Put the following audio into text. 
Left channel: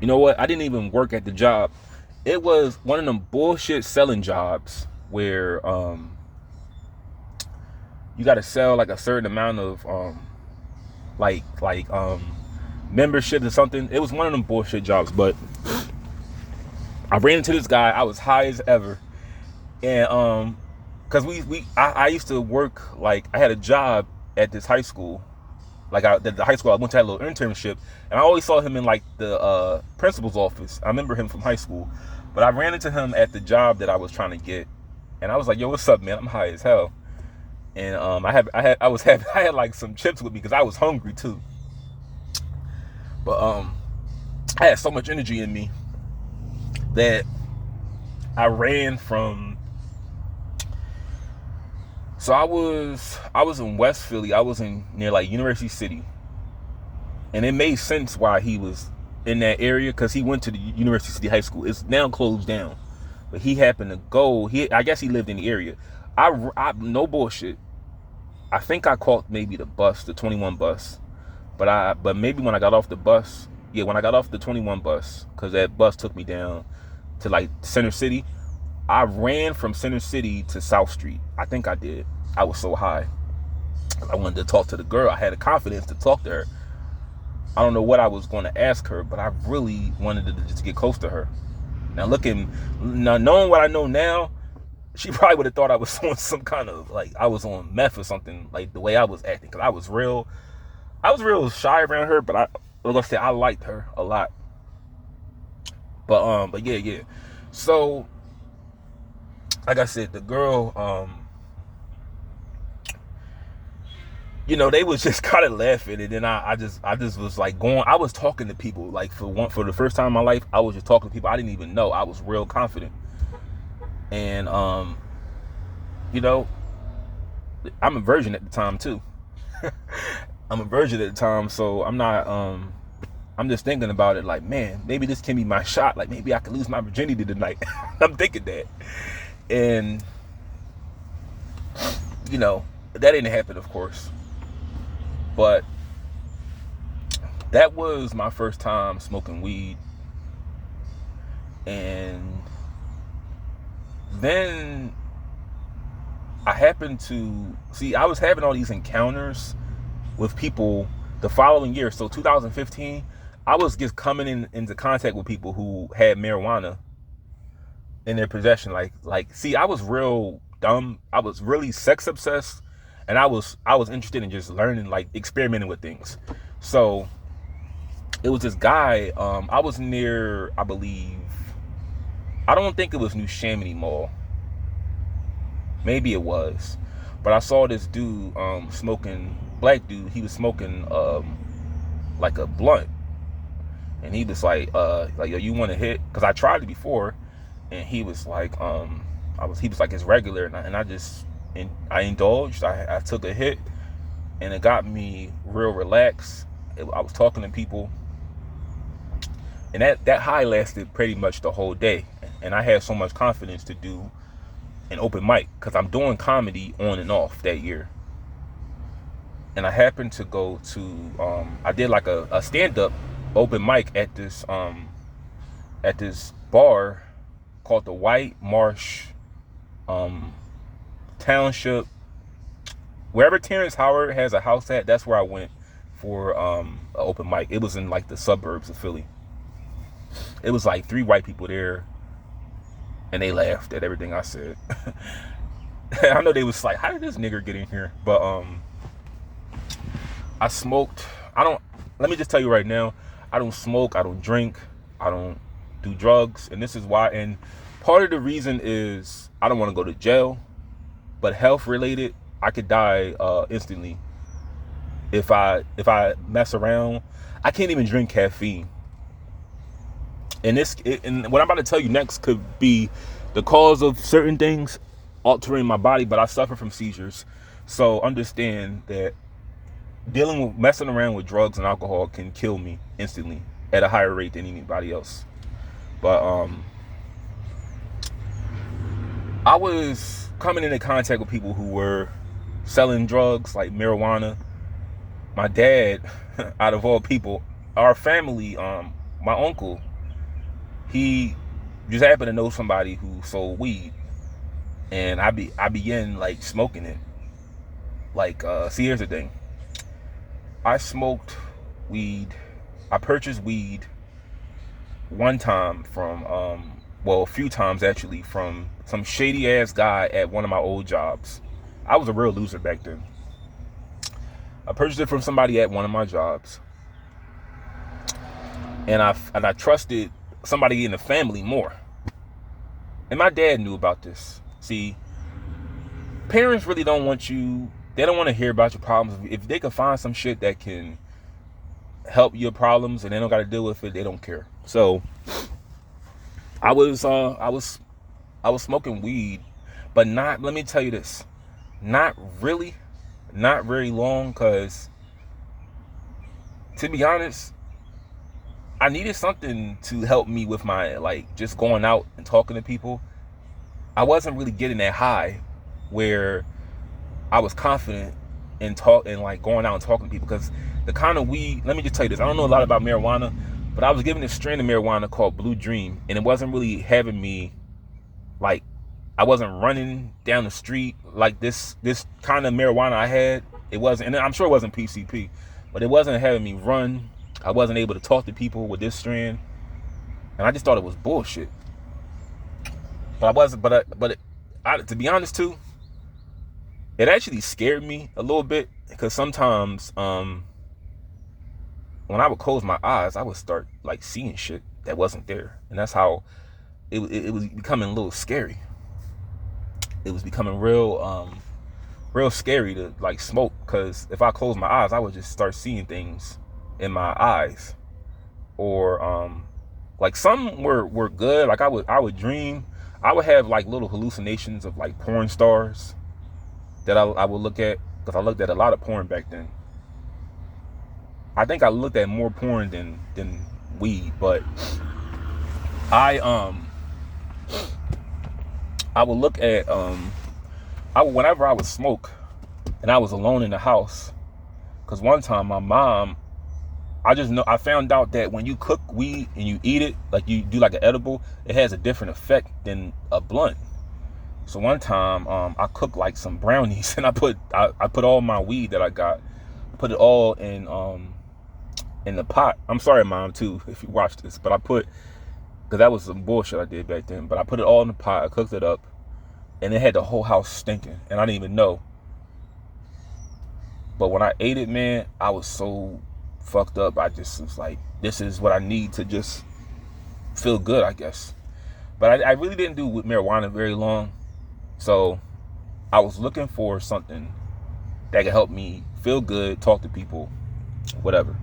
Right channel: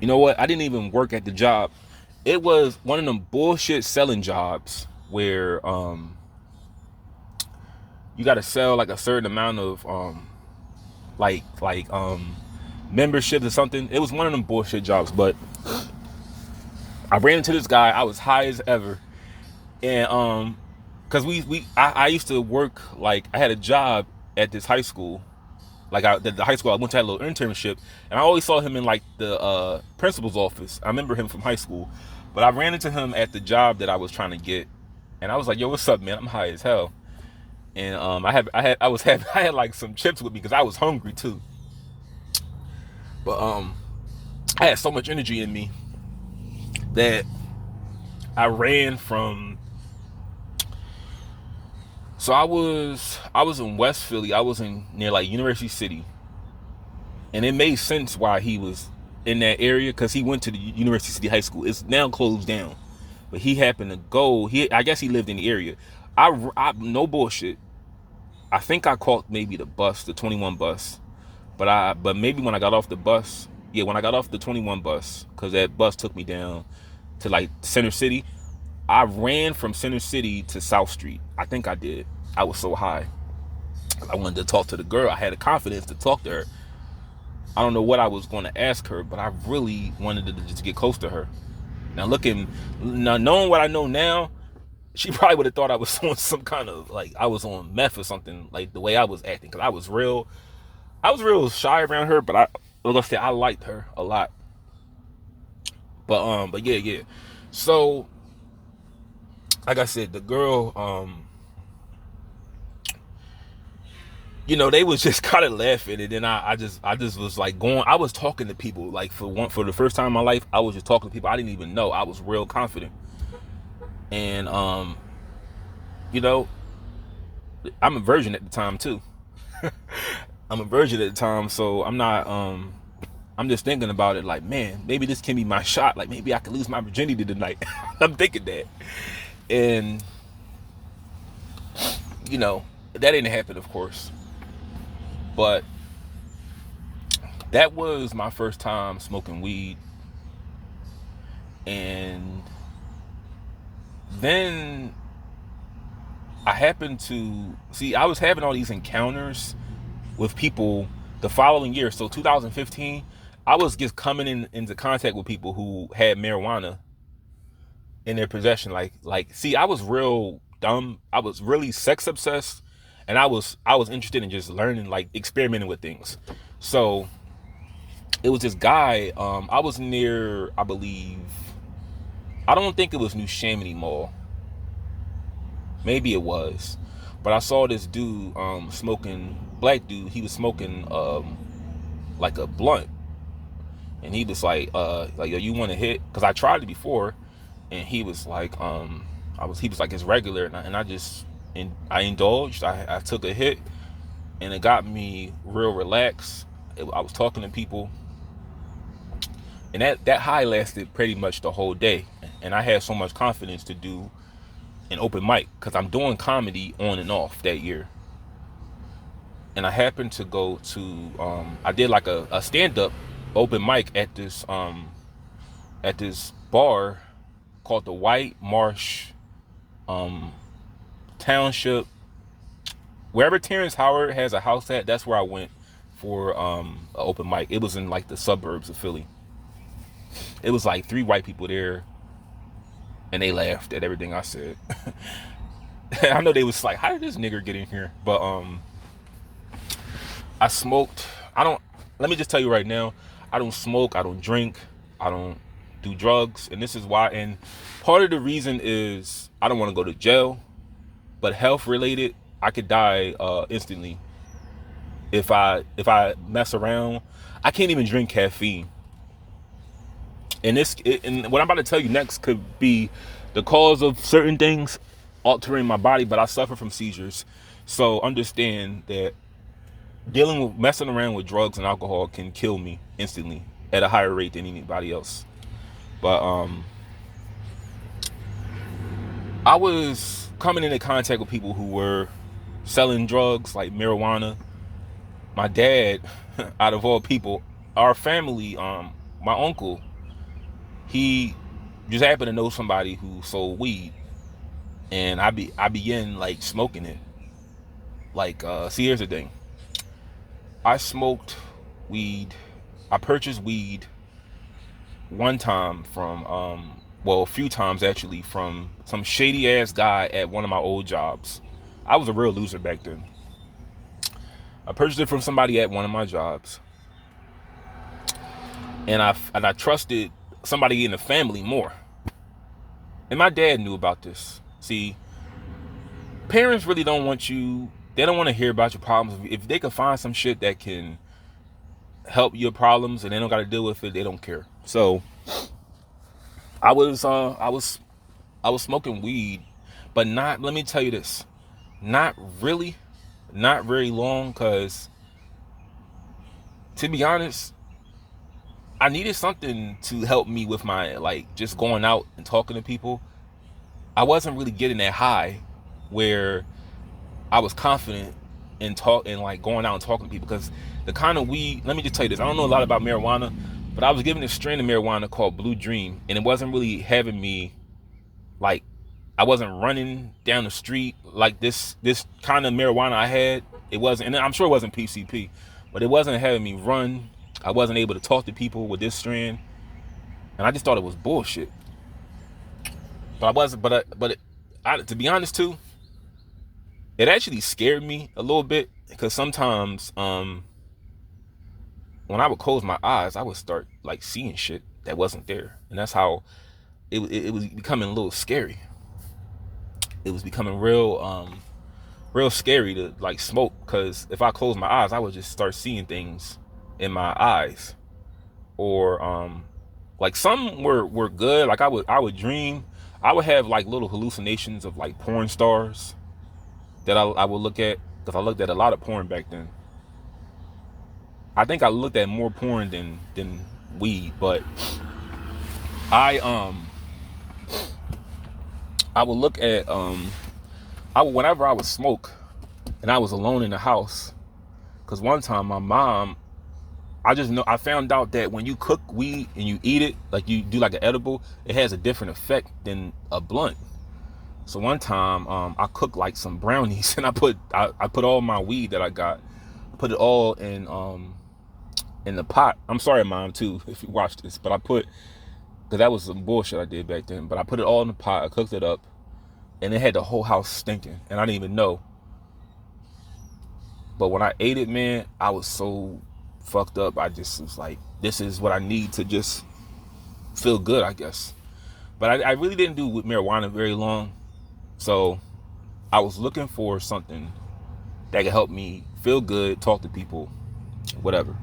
You know what? I didn't even work at the job. It was one of them bullshit selling jobs where you got to sell like a certain amount of membership or something. It was one of them bullshit jobs, but I ran into this guy. I was high as ever, and because I used to work, like I had a job at this high school, the high school I went to, had a little internship, and I always saw him in like the principal's office. I remember him from high school, but I ran into him at the job that I was trying to get, and I was like, "Yo, what's up, man? I'm high as hell." And I had like some chips with me because I was hungry too. But I had so much energy in me that I ran from. So I was in West Philly. I was in near like University City, and it made sense why he was in that area because he went to the University City High School. It's now closed down, but he happened to go. I guess he lived in the area. I no bullshit. I think I caught maybe the bus, the 21 bus, but maybe when I got off the bus, yeah, when I got off the 21 bus, because that bus took me down to like Center City. I ran from Center City to South Street. I think I did. I was so high. I wanted to talk to the girl. I had the confidence to talk to her. I don't know what I was going to ask her, but I really wanted to just get close to her. Now knowing what I know now, she probably would have thought I was on some kind of like I was on meth or something, like the way I was acting, because I was real shy around her, but like I said, I liked her a lot. But yeah. So like I said, the girl, they was just kind of laughing, and then I just was like going. I was talking to people like for the first time in my life. I was just talking to people I didn't even know. I was real confident, and you know, I'm a virgin at the time too. I'm a virgin at the time, so I'm not. I'm just thinking about it like, man, maybe this can be my shot. Like maybe I could lose my virginity tonight. I'm thinking that, and that didn't happen, of course, but that was my first time smoking weed. And then I happened to see, I was having all these encounters with people the following year. So 2015, I was just coming into contact with people who had marijuana in their possession. See, I was real dumb. I was really sex obsessed, and I was interested in just learning, like experimenting with things. So it was this guy. I was near, I believe, I don't think it was New Chamonix Mall. Maybe it was, but I saw this dude smoking. Black dude. He was smoking like a blunt, and he was like yo, you want to hit? Because I tried it before, and he was like he was like his regular, and I indulged. I took a hit, and it got me real relaxed. I was talking to people, and that high lasted pretty much the whole day, and I had so much confidence to do an open mic because I'm doing comedy on and off that year. And I happened to go to I did like a stand up open mic at this bar called the White Marsh um, Township. Wherever Terrence Howard has a house at, that's where I went for an open mic. It was in like the suburbs of Philly. It was like 3 white people there, and they laughed at everything I said. I know they was like, "How did this nigger get in here?" But I smoked. I don't. Let me just tell you right now, I don't smoke. I don't drink. I don't do drugs, and this is why. And part of the reason is I don't want to go to jail, but health related, I could die instantly if I mess around. I can't even drink caffeine, and what I'm about to tell you next could be the cause of certain things altering my body. But I suffer from seizures, so understand that dealing with messing around with drugs and alcohol can kill me instantly at a higher rate than anybody else. But I was coming into contact with people who were selling drugs like marijuana. My dad, out of all people, our family, my uncle, he just happened to know somebody who sold weed, and I began like smoking it. Like, see, here's the thing. I smoked weed. I purchased weed one time from, well, a few times actually, from some shady ass guy at one of my old jobs. I was a real loser back then. I purchased it from somebody at one of my jobs, and I trusted somebody in the family more. And my dad knew about this. See, parents really don't want you. They don't want to hear about your problems. If they can find some shit that can help your problems and they don't got to deal with it, they don't care. So I was smoking weed, but not. Let me tell you this, not really, not very long. Cause to be honest, I needed something to help me with my, like, just going out and talking to people. I wasn't really getting that high where I was confident in like going out and talking to people, because the kind of weed, let me just tell you this, I don't know a lot about marijuana, but I was given this strain of marijuana called Blue Dream, and it wasn't really having me, like, I wasn't running down the street like this kind of marijuana I had. It wasn't, and I'm sure it wasn't PCP, but it wasn't having me run. I wasn't able to talk to people with this strand, and I just thought it was bullshit. But I wasn't. To be honest too, it actually scared me a little bit, because sometimes when I would close my eyes, I would start like seeing shit that wasn't there, and that's how it was becoming a little scary. It was becoming real scary to like smoke, because if I close my eyes, I would just start seeing things in my eyes, or like some were good. Like I would dream. I would have like little hallucinations of like porn stars that I would look at, because I looked at a lot of porn back then. I think I looked at more porn than weed, but I would look at whenever I would smoke and I was alone in the house, because one time my mom, I found out that when you cook weed and you eat it, like you do like an edible, it has a different effect than a blunt. So one time, I cooked like some brownies, and I put all my weed that I got, put it all in the pot. I'm sorry, Mom, too, if you watch this, but because that was some bullshit I did back then. But I put it all in the pot, I cooked it up, and it had the whole house stinking, and I didn't even know. But when I ate it, man, I was so fucked up. I just was like, this is what I need to just feel good, I guess. But I really didn't do with marijuana very long. So I was looking for something that could help me feel good, talk to people, whatever.